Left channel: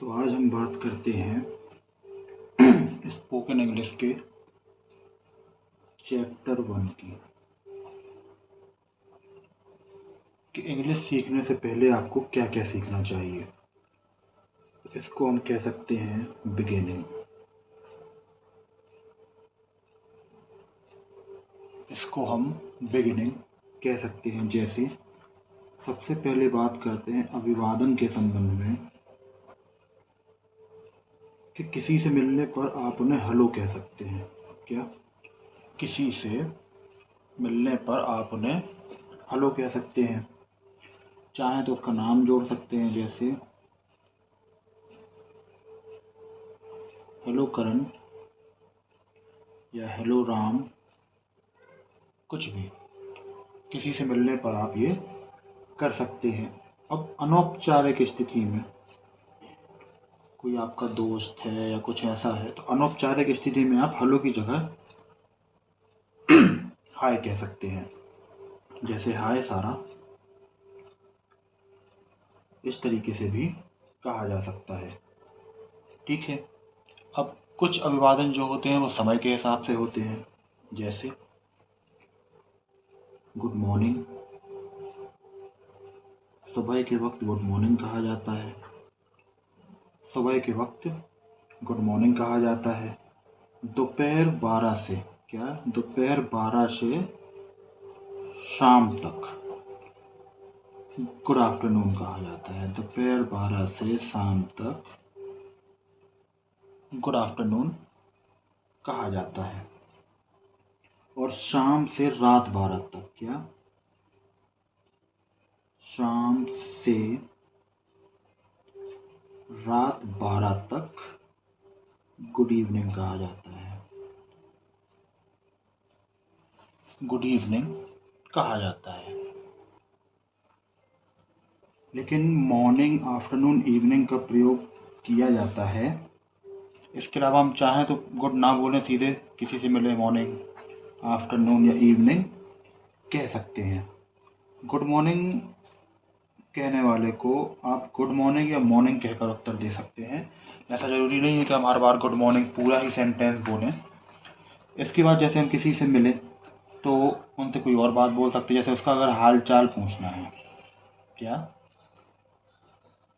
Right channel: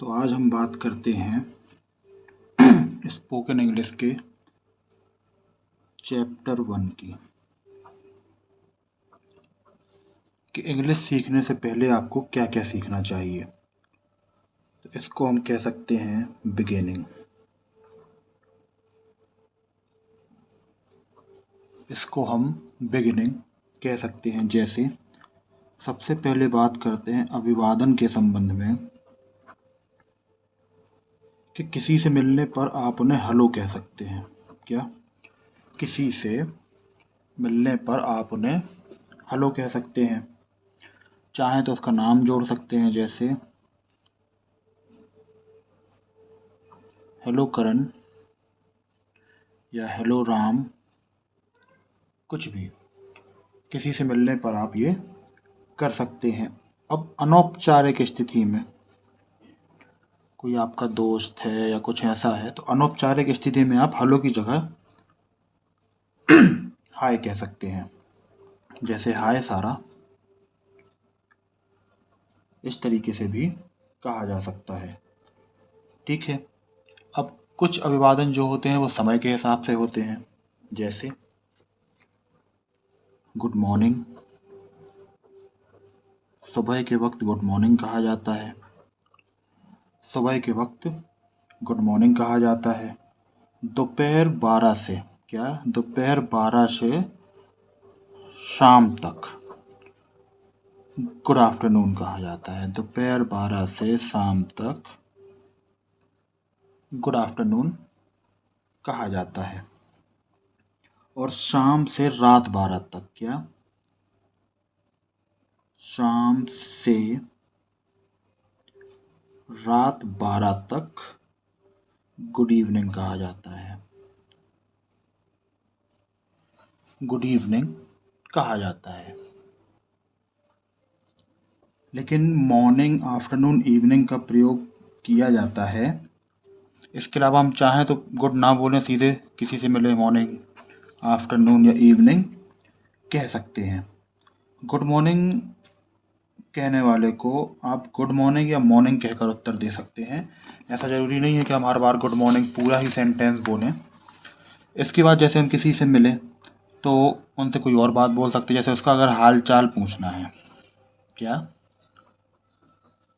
तो आज हम बात करते हैं स्पोकन इंग्लिश के चैप्टर 1 की कि इंग्लिश सीखने से पहले आपको क्या क्या सीखना चाहिए। तो इसको हम कह सकते हैं बिगिनिंग। इसको हम बिगिनिंग कह सकते हैं। जैसे सबसे पहले बात करते हैं अभिवादन के संबंध में कि किसी से मिलने पर आप उन्हें हेलो कह सकते हैं। क्या? किसी से मिलने पर आप उन्हें हेलो कह सकते हैं। चाहे तो उसका नाम जोड़ सकते हैं, जैसे हेलो करण या हेलो राम, कुछ भी किसी से मिलने पर आप ये कर सकते हैं। अब अनौपचारिक स्थिति में कोई आपका दोस्त है या कुछ ऐसा है, तो अनौपचारिक स्थिति में आप हेलो की जगह हाय कह सकते हैं। जैसे हाय सारा, इस तरीके से भी कहा जा सकता है। ठीक है। अब कुछ अभिवादन जो होते हैं वो समय के हिसाब से होते हैं। जैसे गुड मॉर्निंग, सुबह के वक्त गुड मॉर्निंग कहा जाता है। सुबह के वक्त गुड मॉर्निंग कहा जाता है। दोपहर 12 से, क्या? दोपहर 12 से शाम तक गुड आफ्टरनून कहा जाता है। दोपहर 12 से शाम तक गुड आफ्टरनून कहा जाता है। और शाम से रात 12 तक, क्या? शाम से रात 12 तक गुड इवनिंग कहा जाता है। गुड इवनिंग कहा जाता है। लेकिन मॉर्निंग, आफ्टरनून, इवनिंग का प्रयोग किया जाता है। इसके अलावा हम चाहें तो गुड ना बोलें, सीधे किसी से मिले मॉर्निंग, आफ्टरनून या इवनिंग कह सकते हैं। गुड मॉर्निंग कहने वाले को आप गुड मॉर्निंग या मॉर्निंग कहकर उत्तर दे सकते हैं। ऐसा ज़रूरी नहीं है कि हम हर बार गुड मॉर्निंग पूरा ही सेंटेंस बोलें। इसके बाद जैसे हम किसी से मिले तो उनसे कोई और बात बोल सकते हैं। जैसे उसका अगर हाल चाल पूछना है, क्या?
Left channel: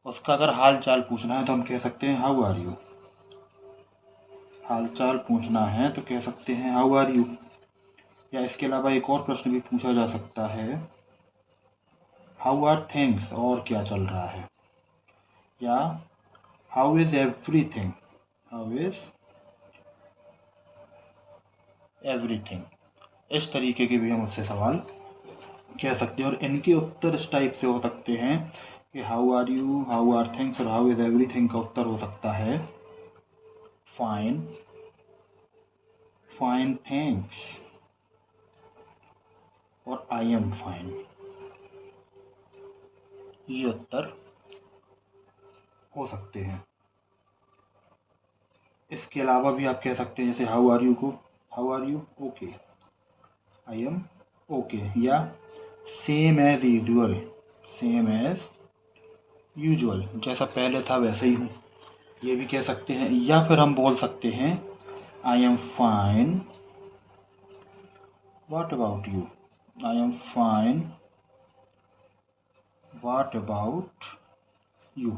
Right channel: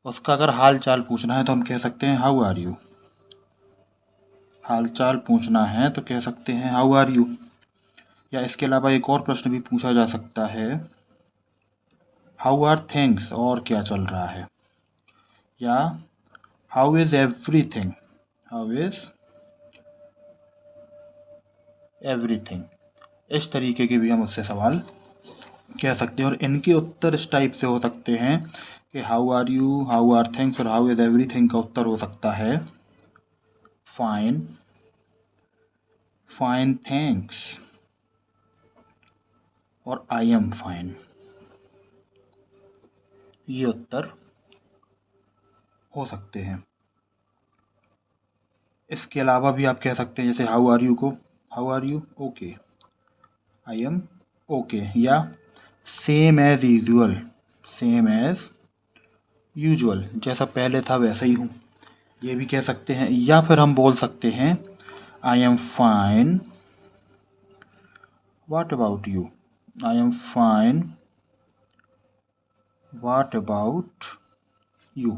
उसका अगर हाल चाल पूछना है तो हम कह सकते हैं हाउ आर यू। हाल चाल पूछना है तो कह सकते हैं हाउ आर यू। या इसके अलावा एक और प्रश्न भी पूछा जा सकता है, हाउ आर थिंग्स, और क्या चल रहा है। या how is everything, how is everything. इस तरीके के भी हम उससे सवाल कह सकते हैं। और इनके उत्तर इस टाइप से हो सकते हैं कि how are you, how are things और हाउ इज एवरीथिंग का उत्तर हो सकता है फाइन, फाइन थैंक्स और आई एम फाइन। ये उत्तर हो सकते हैं। इसके अलावा भी आप कह सकते हैं, जैसे हाउ आर यू को how are you okay, I am okay. या same as usual, same as usual, जैसा पहले था वैसे ही हूँ, ये भी कह सकते हैं। या फिर हम बोल सकते हैं I am fine, what about you, I am fine, what about you.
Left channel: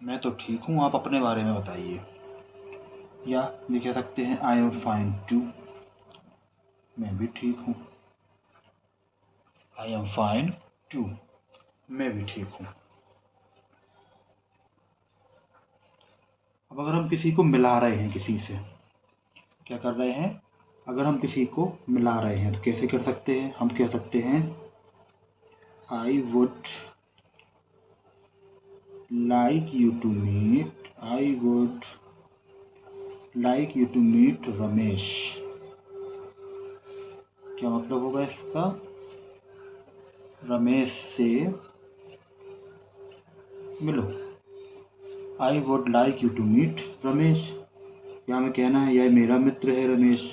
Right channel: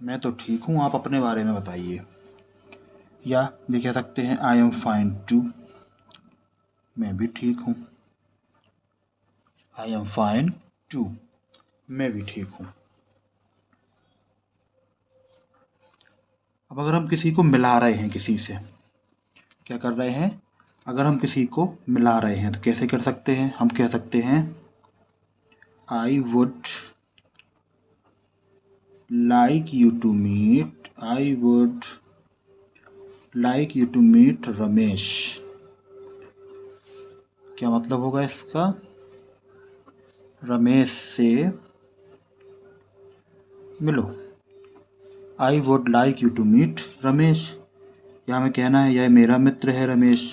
मैं तो ठीक हूँ, आप अपने बारे में बताइए। या ये कह सकते हैं आई एम फाइन टू, मैं भी ठीक हूँ। आई एम फाइन टू, मैं भी ठीक हूँ। अब अगर हम किसी को मिला रहे हैं, किसी से क्या कर रहे हैं, अगर हम किसी को मिला रहे हैं तो कैसे कर सकते हैं? हम कह सकते हैं I would like you to meet, I would like you to meet Ramesh. क्या मतलब होगा इसका? रमेश से मिलो। I would like you to meet Ramesh. या हमें कहना है यह मेरा मित्र है रमेश,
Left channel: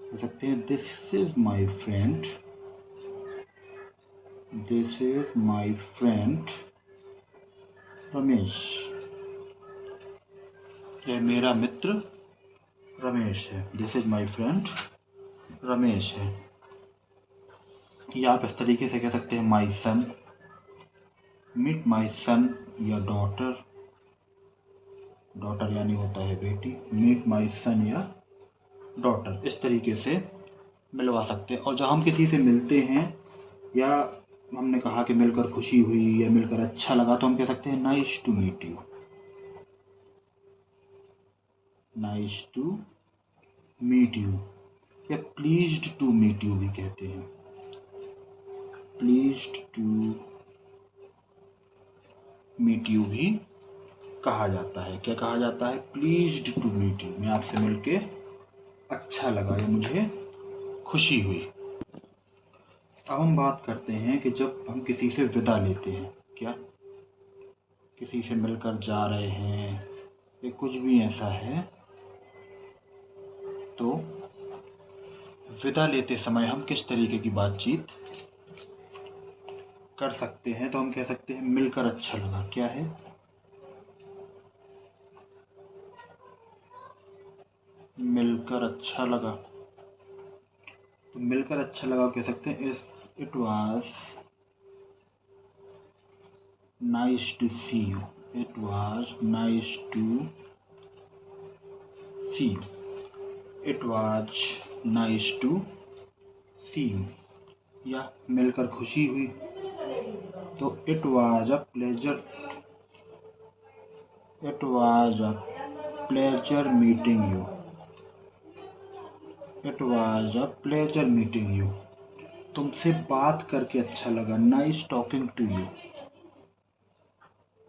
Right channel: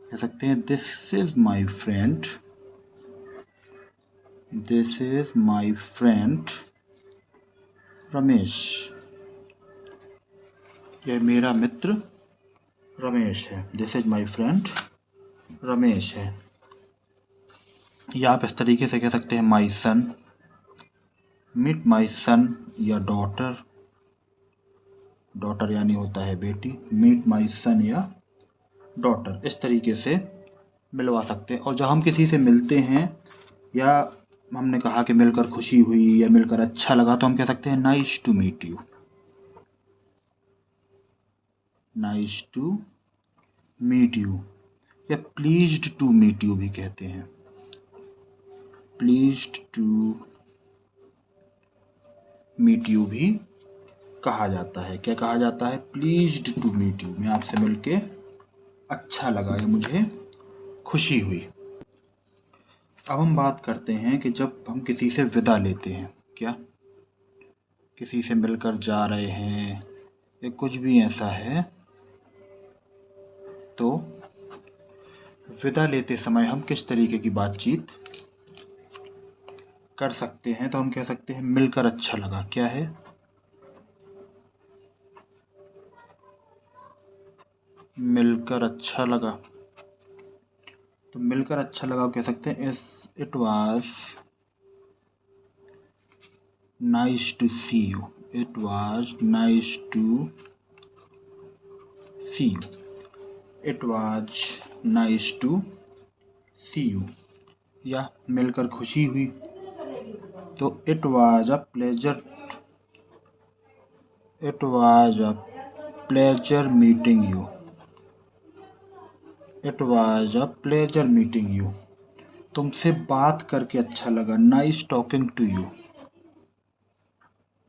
कह सकते हैं this is my friend, this is my friend Ramesh. यह मेरा मित्र रमेश है। This is my friend Ramesh है। या आप इस तरीके से कह सकते हैं माई सन, मीट माई सन या डॉटर, डॉटर यानी होता है बेटी, मीट माई सन या डॉटर, इस तरीके से मिलवा सकते हैं। और जब हम किसी से मिलते हैं या हमने कहा कि मिलकर खुशी हुई या मिलकर अच्छा लगा, तो हम कह सकते हैं nice to meet you, nice to meet you. या प्लीज्ड टू मीट यू भी कहते हैं, प्लीज्ड टू मीट यू भी कहा जाता है। क्या कहा जाता है? प्लीज्ड टू मीट यू, मैं आपसे मिलके अच्छा लगा या मुझे खुशी हुई। अब हम बात करते हैं कि जब हम किसी से विदा लेते हैं, क्या किसी से मिलकर जा रहे हैं या कुछ भी ऐसा है, तो विदा लेते समय हम किस तरीके की बातचीत कर सकते हैं? तो हम कह सकते हैं मिलकर अच्छा लगा। क्या है? मिलकर अच्छा लगा। तो मिलकर अच्छा लगा कह सकते हैं it was nice to see you, it was nice to see you, it was nice to see you. या मिलकर खुशी हुई, तो it was a pleasure, it was a pleasure meeting you, it was a pleasure meeting you. तुमसे बात करके अच्छा लगा, nice talking to you,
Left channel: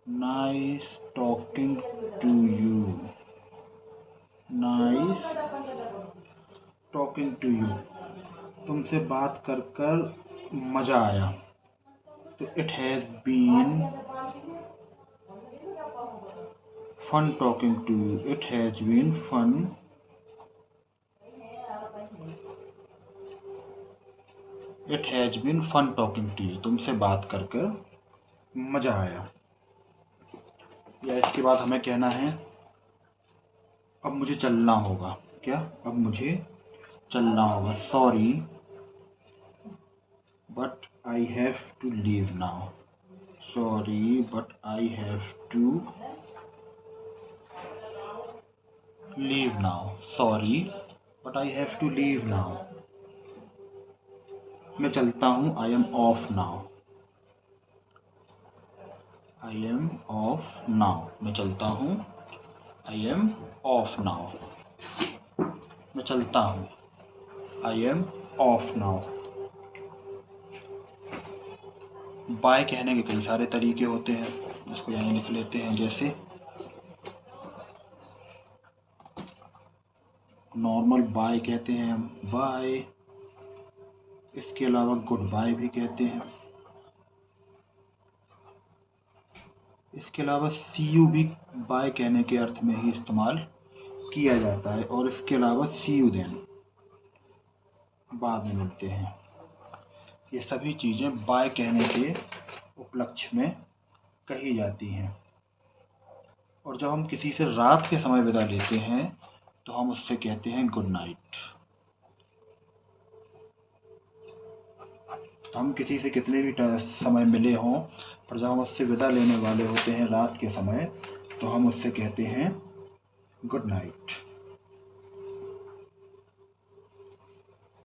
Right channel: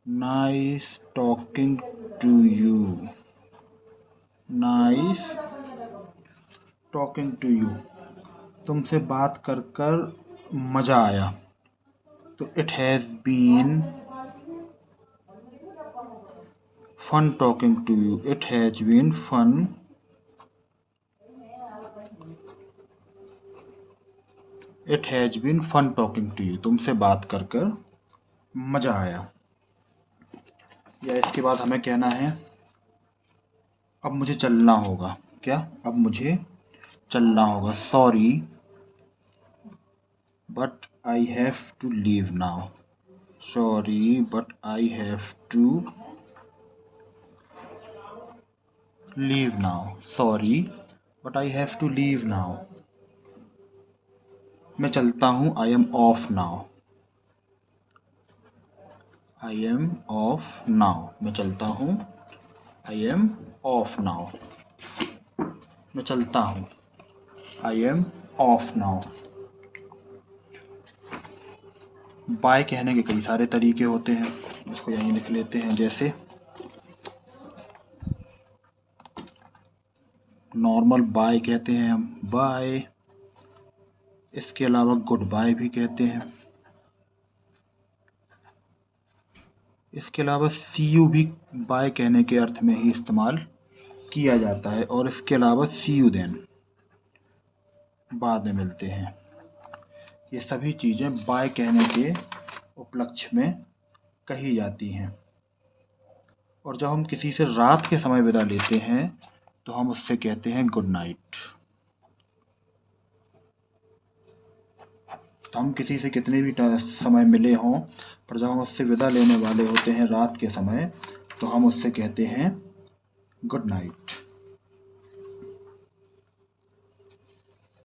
nice talking to you, nice talking to you. तुमसे बात कर कर मज़ा आया, तो it has been fun talking to you, it has been fun, it has been fun talking to you. तुमसे बात कर कर मज़ा आया। या इसके बाद हमें कहना है अब मुझे चलना होगा। क्या? अब मुझे चलना होगा, sorry but I have to leave now, sorry but I have to leave now, sorry but I have to leave now. मैं चलता हूँ, I am off now, I am off now. मैं चलता हूँ, आई एम ऑफ नाउ। मैं चलता हूँ, I am off now. Bye कहने के कई सारे तरीके होते हैं, इसको यहीं लिख लेते हैं। जैसे नॉर्मल बाय कहते हैं हम, बाय। इसके अलावा गुड बाय भी कहते हैं। इसके अलावा सी यू भी बाय कहने के अर्थ में ही इस्तेमाल किया जाता है। और इसके अलावा सी यू देन, बाद में मिलते हैं, ये सभी चीज़ें बाय कहने के उपलक्ष्य में कही जाती हैं। और जब हम किसी से रात के समय विदा लेते हैं तो हम उससे कहते हैं गुड नाइट। तो हम किसी से कितने भी समय मिले हों, पर जब हम उससे विदा लेने वाले होते हैं रात के समय, तो हम उससे कहते हैं गुड नाइट।